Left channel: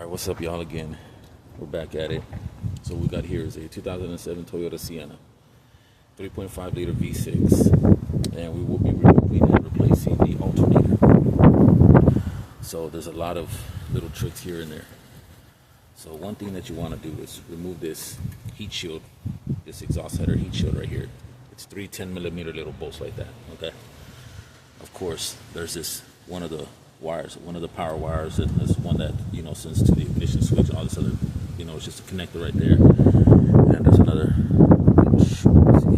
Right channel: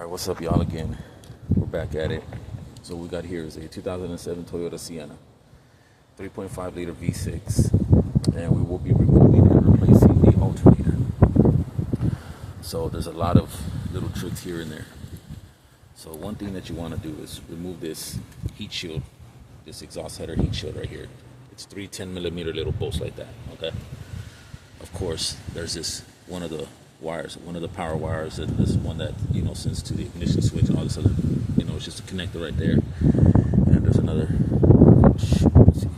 All right, what's up, y'all? Again, we're back at it. So what we got here is a 2007 Toyota Sienna, 3.5 liter V6, and we will be removing and replacing the alternator. So there's a lot of little tricks here and there. So one thing that you want to do is remove this heat shield, this exhaust header heat shield right here. It's 3 10mm little bolts like that, okay? Of course, there's this one of the wires, one of the power wires, and this one that, you know, sends to the ignition switch and all this other, you know, it's just a connector right there. And there's another, let's see,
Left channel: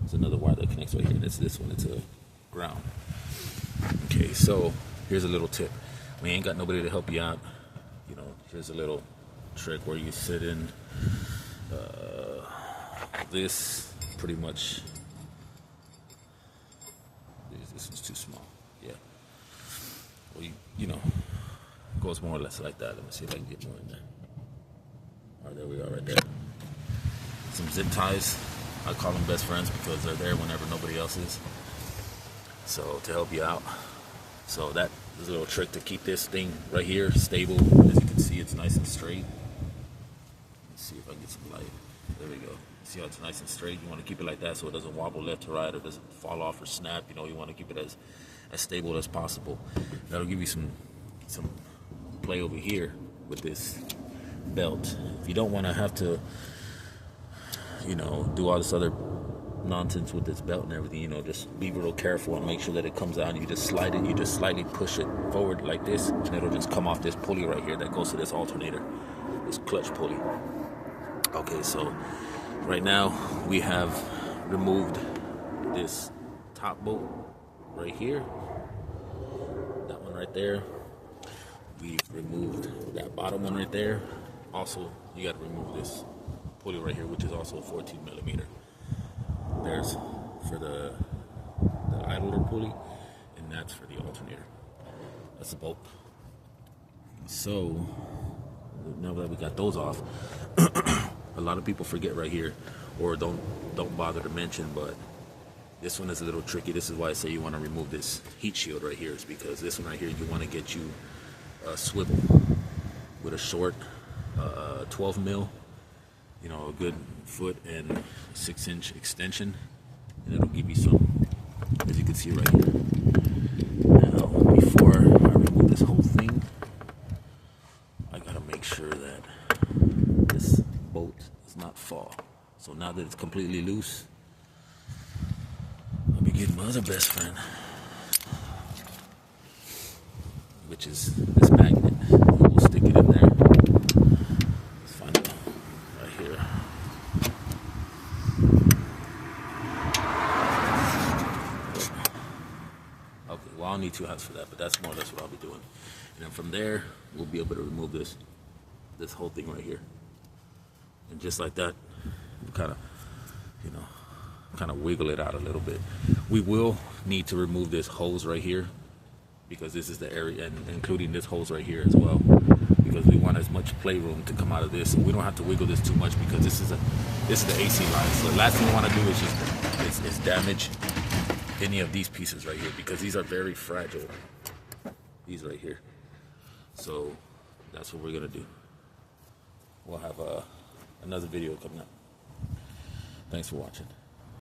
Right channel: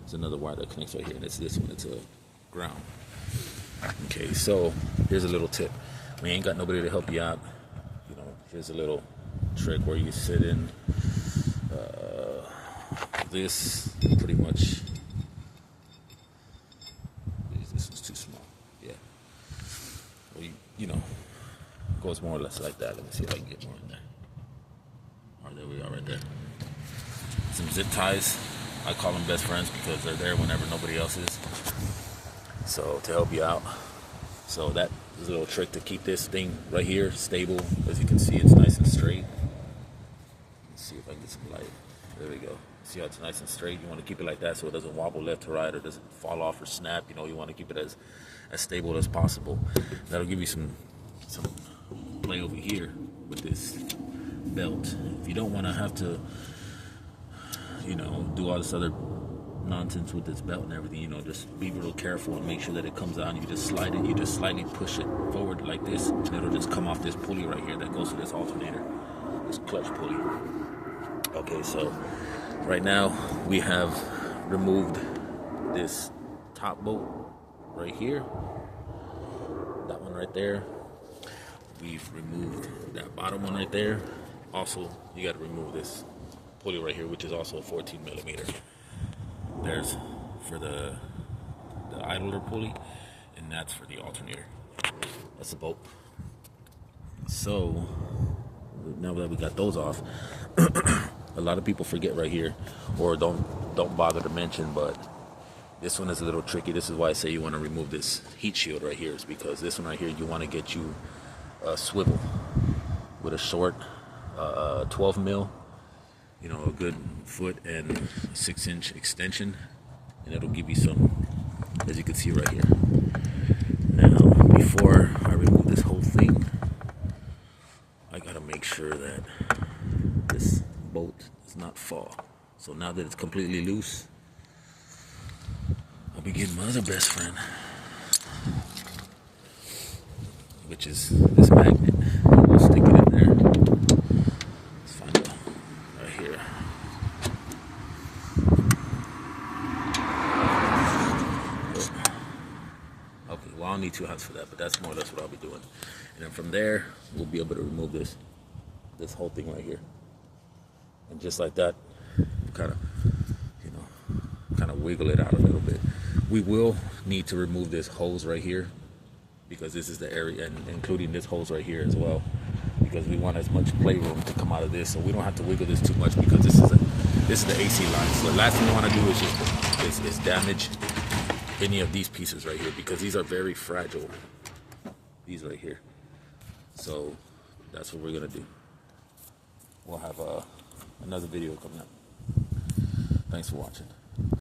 there's another wire that connects right here, and it's this one, it's a ground. Okay, so here's a little tip. We ain't got nobody to help you out. You know, here's a little trick where you sit in this pretty much. This is too small. Yeah. Well, you know, goes more or less like that. Let me see if I can get more in there. All right, there we are right there. Some zip ties. I call them best friends because they're there whenever nobody else is. So to help you out. So that is a little trick to keep this thing right here stable. As you can see, it's nice and straight. Let's see if I can get some light. There we go. See how it's nice and straight? You want to keep it like that so it doesn't wobble left to right or doesn't fall off or snap. You know, you want to keep it as stable as possible. That'll give you some play over here with this belt. If you don't want to have to, you know, do all this other nonsense with this belt and everything, you know, just be real careful and make sure that it comes out. And you just slide it, you just slightly push it forward like this, and it'll just come off this pulley right here that goes to this alternator, this clutch pulley. Okay, so right now we have removed this top bolt right here, that one right there. We've removed that bottom one right there. Also, you got to remove this pulley right here, which is also 14mm. There's for the idler pulley, and that's for the alternator. That's a bolt. So now that we got those off, a lot of people forget right here, or don't bother to mention, but this one is a little tricky. This is why I say you want to remove this heat shield right here, is because this one right here, you want to get you a swivel with a short 12 mil, you know, a good foot and 6-inch extension, and it'll give you some, as you can see right here. Now, before I remove this whole thing, I gotta make sure that this bolt does not fall. So now that it's completely loose, I'll be getting my other best friend, which is this magnet. We'll stick it in there. Let's find it right here. Okay, well, I'll need 2 hands for that, but that's more or less what I'll be doing. And then from there, we'll be able to remove this whole thing right here. And just like that, kind of, you know, kind of wiggle it out a little bit. We will need to remove this hose right here, because this is the area, and including this hose right here as well, because we want as much playroom to come out of this, so we don't have to wiggle this too much, because this is the AC line. So the last thing you want to do is just damage any of these pieces right here, because these are very fragile, these right here. So that's what we're gonna do. We'll have another video coming up. Thanks for watching.